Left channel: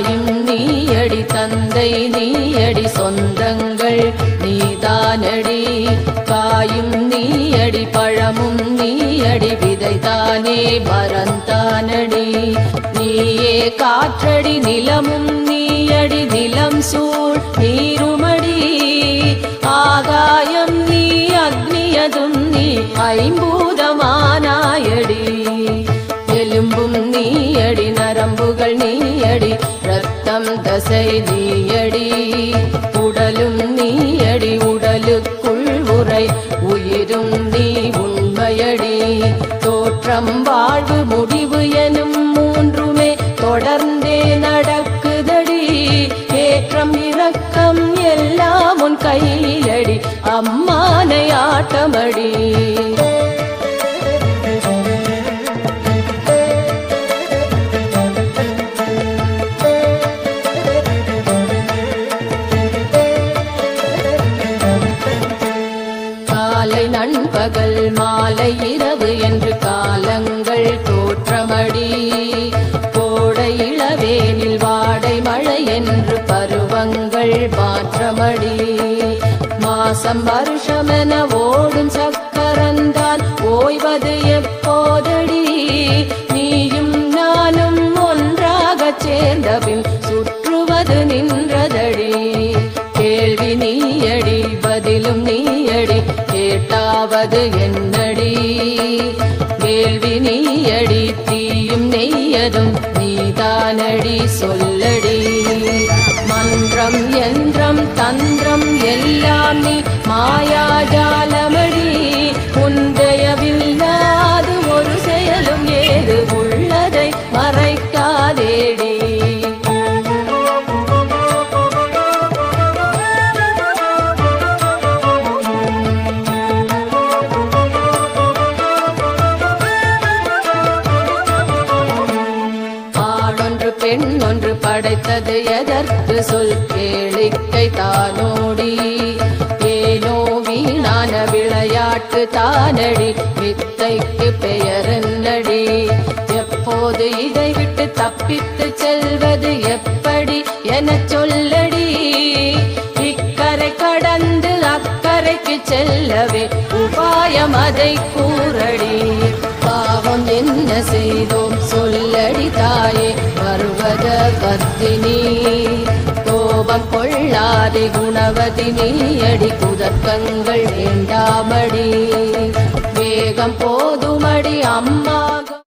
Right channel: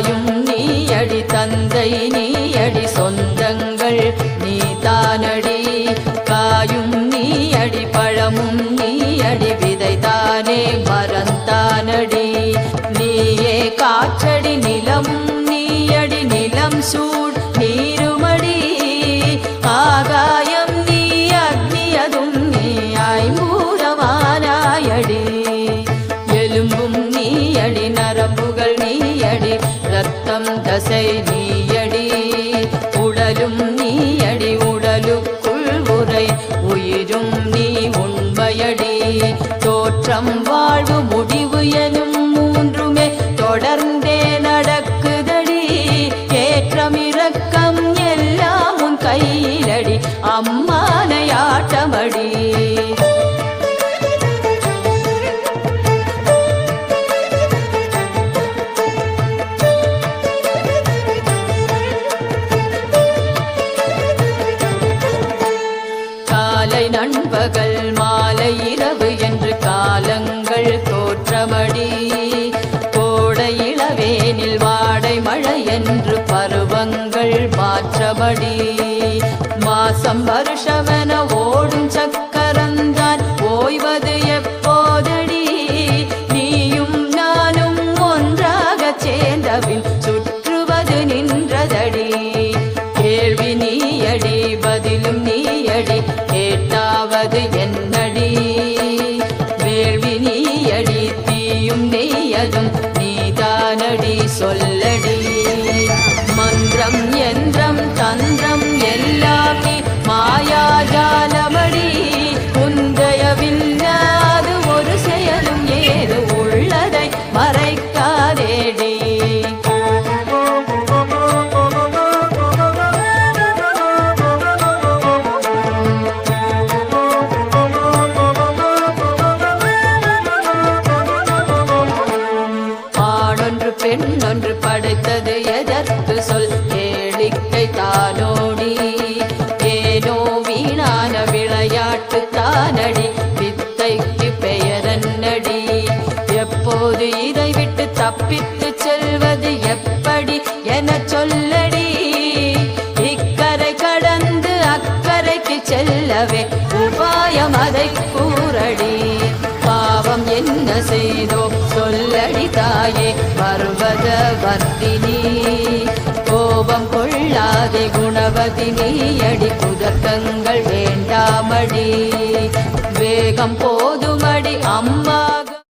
தாயும் நீயடி தந்தை நீயடி சொந்தங்கள் நீதானடி காயும் நீயடி பழமும் நீயடி விதைதானே மரந்தானடி நீயே காற்றடி நிலமும் நீயடி நிலம் சூழ் நீருமடி ஆகாயம் நீ அக்னியதும் நீ ஐம்பூதமானாயடி எலும்பும் நீயடி நரம்புகள் நீயடி ரத்தம் தசை நீயடி உடலும் நீயடி உடலுக்குள் உரை உயிரும் நீ உண்மையடி தோற்றம் வாழ்வு முடிவு எனும் மூன்றுமே தொடர்ந்தே நடக்குதடி ஏற்றம் இரக்கம் எல்லாம் உன் கையிலடி அம்மானை ஆட்டமடி காலை நண்பகல் மாலை இரவு என்று காலங்கள் தோற்றமடி கோடை இளவேனில் வாடை மழை என்று பருவங்கள் மாற்றமடி மாசம் வருஷமென ஓடும் சக்கரந்தான் ஓய்வது எப்போதடி நீயும் நானும் ஒன்றாக சேர்ந்தபின் சுற்றுவது நின்றதடி கேள்வி நீயடி பதிலும் நீயடி கேட்டாவது என்னடி வேள்வி நீயடி தீயும் நெய்யதும் நீதானடி சொல்லடி மந்திரம் யந்திரம் தந்திரம் எல்லாம் நீ மாயாஜாலமடி உந்தயவில்லாது ஒரு செயலும் ஏது உள்ளதை மறைக்காதேடி பெண்ணொன்று படைத்தது எதற்கு சொல் கேளிக்கை தானோடி ஏனோ வீணான விளையாட்டு தானடி வித்தைக்கு பெயரன்னடி எப்போது இதை விட்டு தப்பித்து செல்வது எப்படி என சொல்லடி இக்கரை கடந்து அக்கரைக்கு செல்லவே உபாயம் அதை கூறடி பாவம் என்ன செய்தோம் சொல்லடி தாயே பர்வத வர்த்தினி கோபம் கொள்ளாதே குணவதி நீயடி குதர்க்கங்கள் வேண்டாமடி வேகம் போதுமடி அம்பாகும்